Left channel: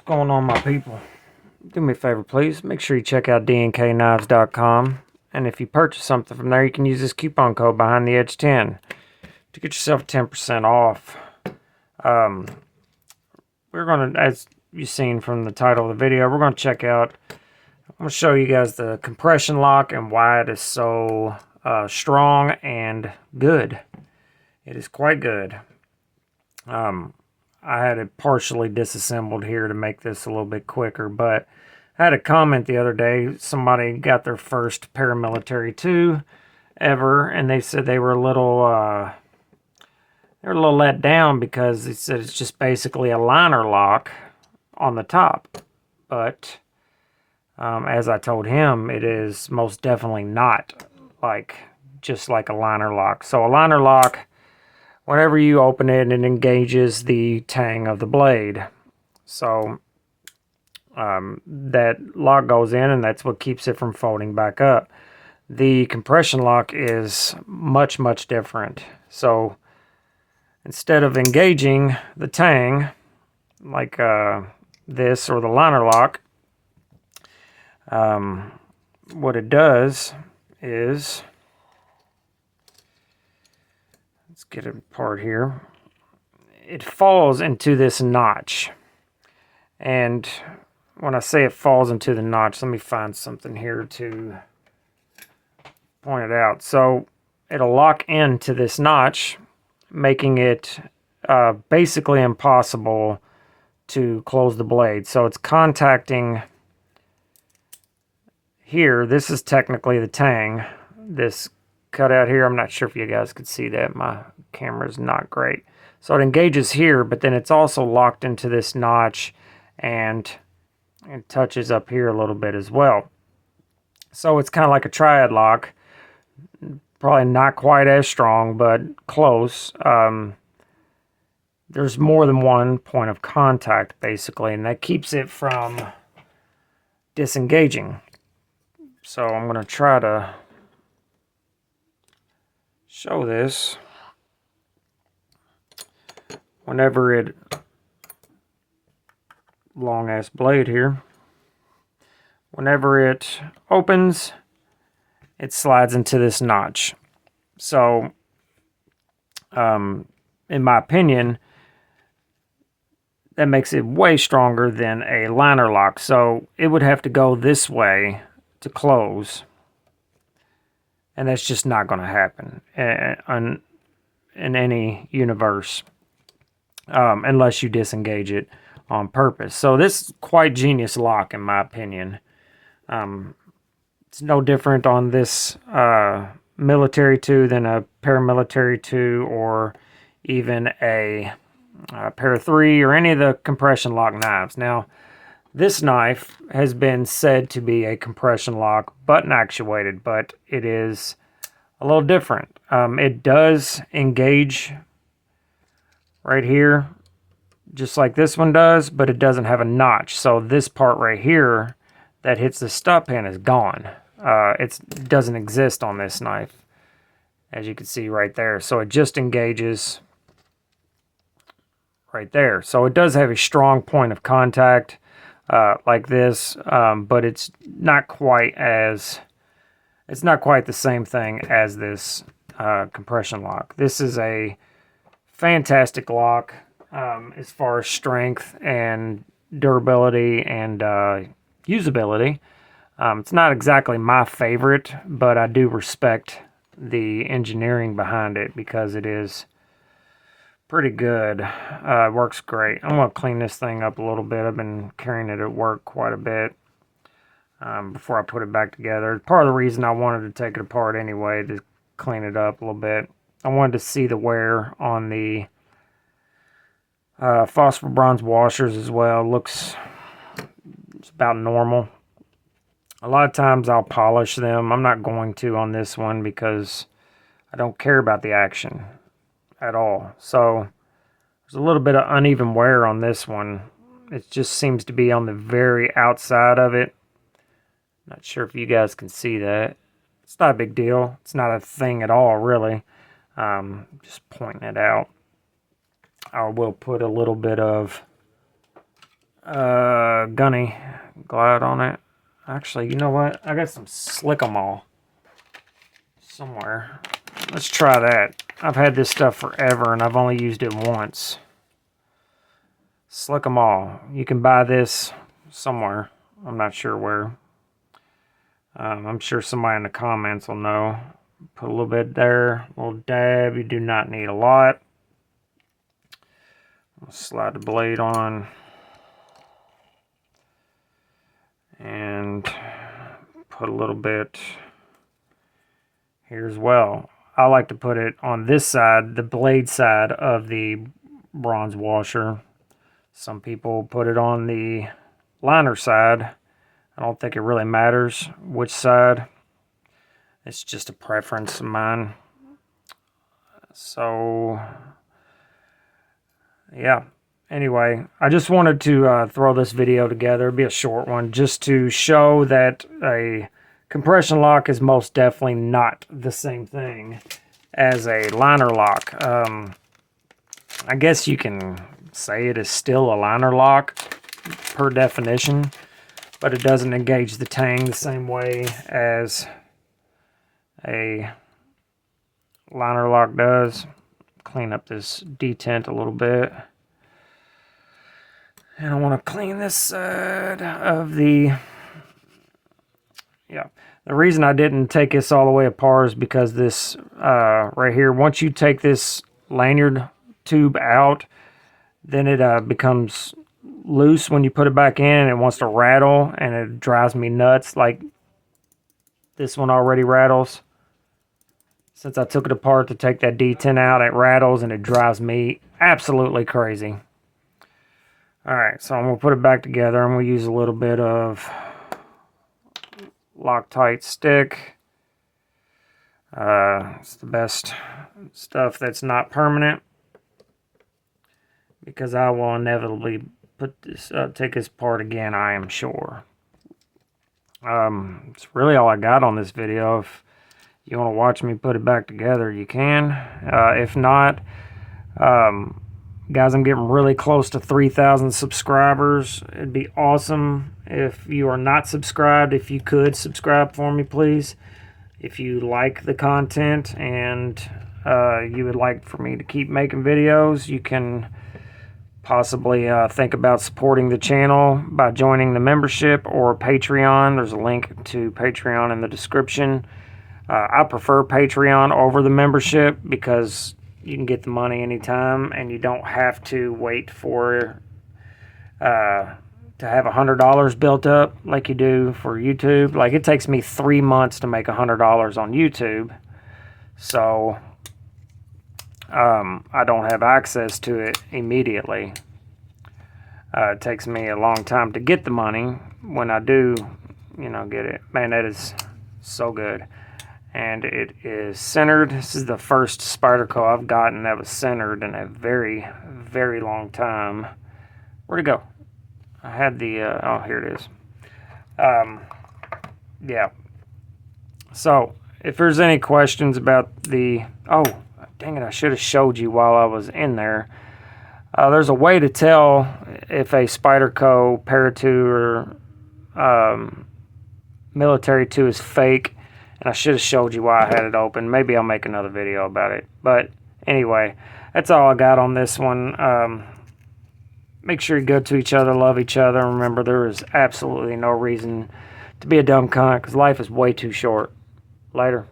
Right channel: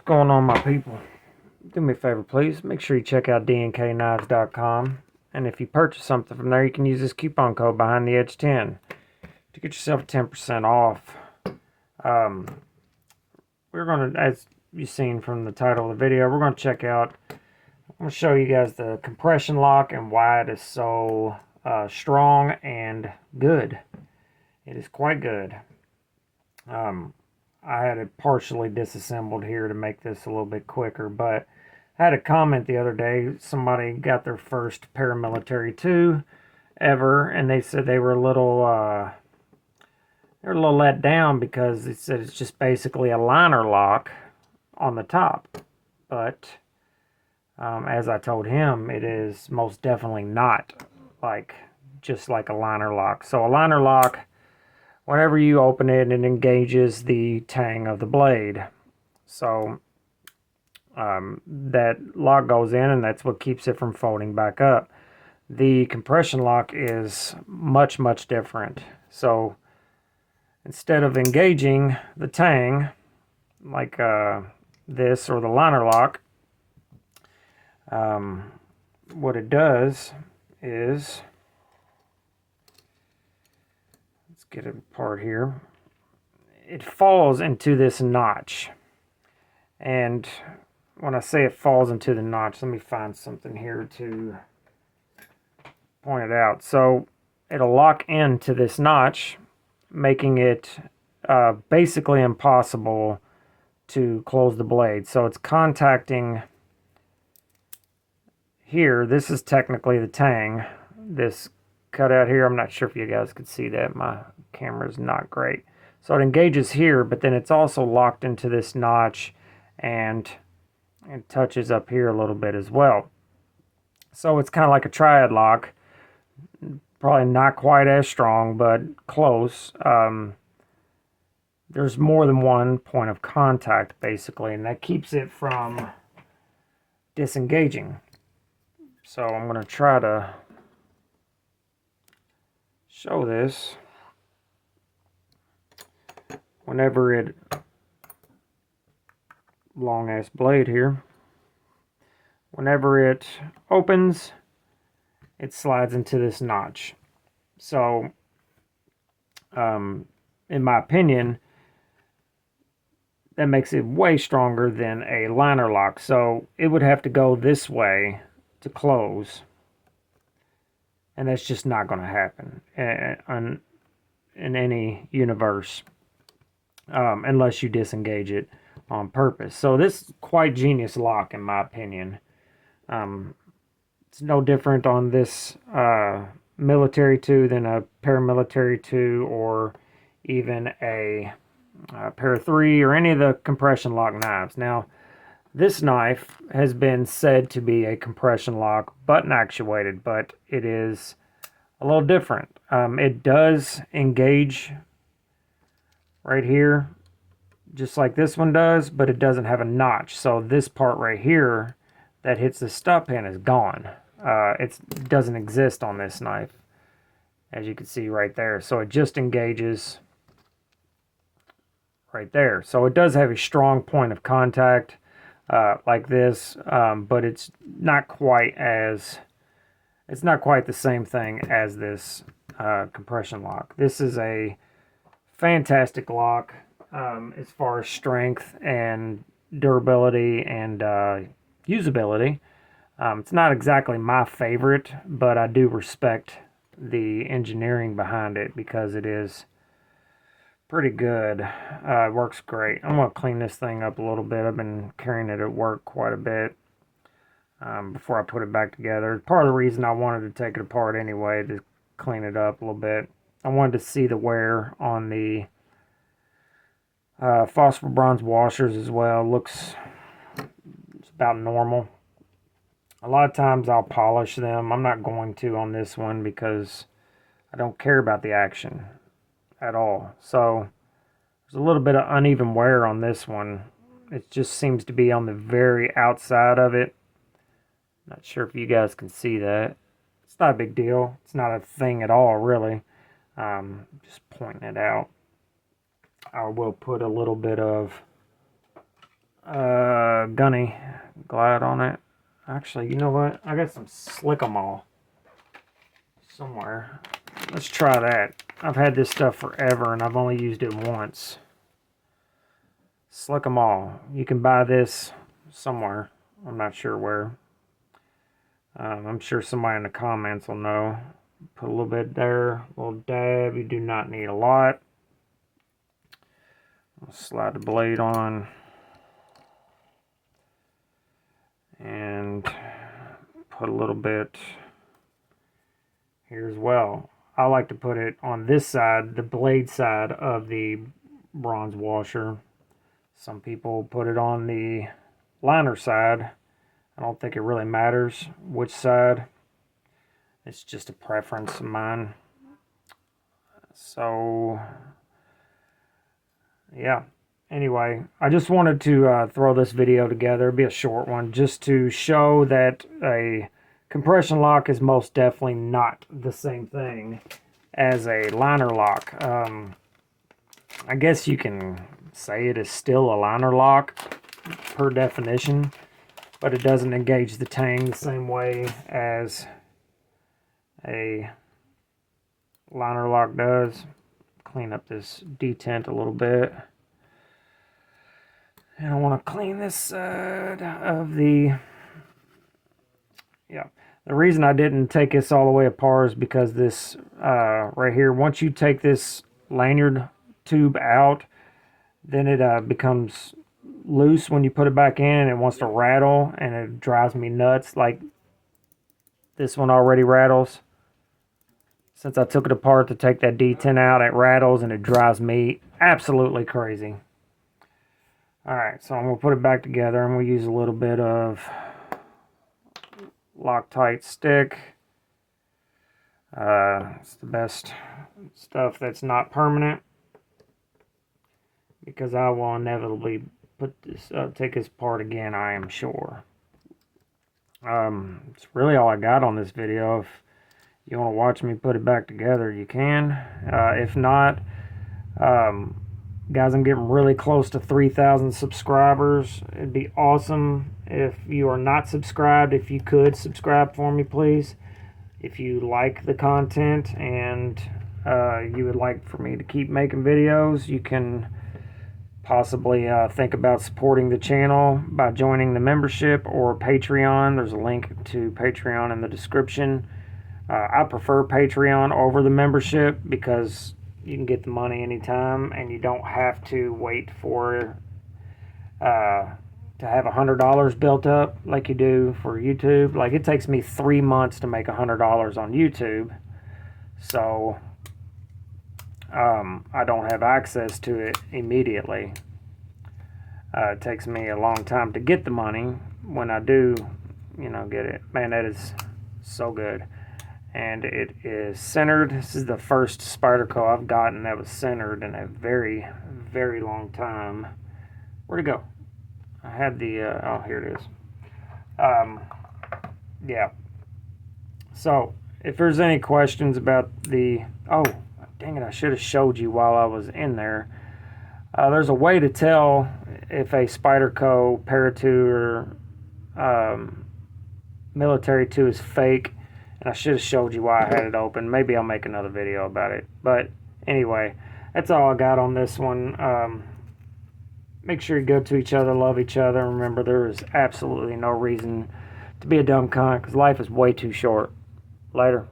What's going on, my people? Do me a favor, please. Make sure you check out DNKKnives.com. And if you purchase something from there, you can use this coupon code behind the edge 10 to get yourself 10% off. We're going to, as you've seen from the title of the video, we're going to check out, I'm going to show you guys the compression lock and why it is so strong and good. It is quite good. I had it partially disassembled here to make this a little bit quicker, but I had a comment the other day. Somebody got their first paramilitary 2 ever, and they said they were a little let down because they said it's just basically a liner lock on the top. But as I told him, it is most definitely not just like a liner lock. So a liner lock, whenever you open it, it engages the tang of the blade. So that lock goes in, and that's what keeps it from folding back up. The compression lock is much, much different. So instead of engaging the tang like this or the liner lock, what it does is, let's get it apart here, it falls into this notch. And when I say it falls into the notch, let me find something here to point it out. So it'll lock into this notch, making it basically impossible to close the blade. So it's contacting here. This is technically the tang. This cutout here, I'm not sure if you guys could see that. My camera's not great. So it engages here, but then it's also locked into this notch, and it touches up here a little bit as well. So it's kind of like a triad lock. Probably not quite as strong, but close. There's more than one point of contact, basically, and that keeps it from disengaging. So I'm going to try to show this. Whenever it, long ass blade here, whenever it opens, it slides into this notch. So in my opinion, that makes it way stronger than a liner lock. So it would have to go this way to close, and that's just not going to happen in any universe, unless you disengage it on purpose. So this is quite genius lock, in my opinion. It's no different on this military 2 than a paramilitary 2, or even a Para 3, or any of the compression lock knives. Now, this knife has been said to be a compression lock button actuated, but it is a little different. It does engage right here, just like this one does, but it doesn't have a notch. So this part right here that hits the stub pin is gone. It doesn't exist on this knife, as you can see right there. So it just engages right there. So it does have a strong point of contact like this, but it's not quite the same thing as this compression lock. This is a fantastic lock as far as strength and durability and usability. It's not exactly my favorite, but I do respect the engineering behind it because it is pretty good. It works great. I'm going to clean this thing up a little bit. I've been carrying it at work quite a bit before I put it back together. Part of the reason I wanted to take it apart anyway, to clean it up a little bit. I wanted to see the wear on the phosphor bronze washers as well. Looks about normal. A lot of times I'll polish them. I'm not going to on this one because I don't care about the action at all. So there's a little bit of uneven wear on this one. It just seems to be on the very outside of it. Not sure if you guys can see that. It's not a big deal. It's not a thing at all, really. Just pointing it out. I will put a little bit of gunny glide on it. Actually, you know what? I got some Slick 'em all somewhere. Let's try that. I've had this stuff forever and I've only used it once. Slick 'em all. You can buy this somewhere. I'm not sure where. I'm sure somebody in the comments will know. Put a little bit there. A little dab. You do not need a lot. I'll slide the blade on. And put a little bit here as well. I like to put it on this side, the blade side of the bronze washer. Some people put it on the liner side. I don't think it really matters which side. It's just a preference of mine. So, yeah. Anyway, I just wanted to throw this video together. It'll be a short one, just to show that a compression lock is most definitely not the same thing as a liner lock. I guess you can say it is still a liner lock per definition, but it doesn't engage the tang the same way as a liner lock does. Clean up this detent a little bit. And I want to clean this side of the... Yeah. The reason I didn't take this all the way apart is because this right here, once you take this lanyard tube out, then it becomes loose when you put it back in, and it wants to rattle, and it drives me nuts. Like this one already rattles. Since I took it apart to take that detent out, it rattles and it drives me absolutely crazy. Alright, so I'm going to put it back together. I'm going to use a little bit of Loctite stick. It's the best stuff that's not permanent, because I will inevitably put this take this apart again, I am sure. It's really all I got on this video. If you want to watch me put it back together, you can. If not, guys, I'm getting really close to 3,000 subscribers. It'd be awesome if you are not subscribed, if you could subscribe for me, please. If you like the content and you would like for me to keep making videos, you can possibly think about supporting the channel by joining the membership or Patreon. There's a link to Patreon in the description. I prefer Patreon over the membership because you can get the money anytime and you don't have to wait for to have $100 built up like you do for YouTube. Like, it takes me 3 months to make $100 on YouTube, so I don't have access to it immediately. It takes me a long time to get the money. When I do, you know, get it, man, that is so good. And it is centered. This is the first Spyderco I've gotten that was centered in a very, very long time. Where'd it go? I had the, oh, here it is. Yeah. So, if there's any questions about the, oh, dang it, I should have showed you while I was in there. There's a way to tell if a Spyderco Para 2 or Military 2 is fake. And I should have showed you why I had it open. Maybe I'll make another video about it. But anyway, that's all I got on this one. Make sure you're good to each other, love each other. Remember, there is absolutely no reason to be a dumb cunt, because life is way too short. Later.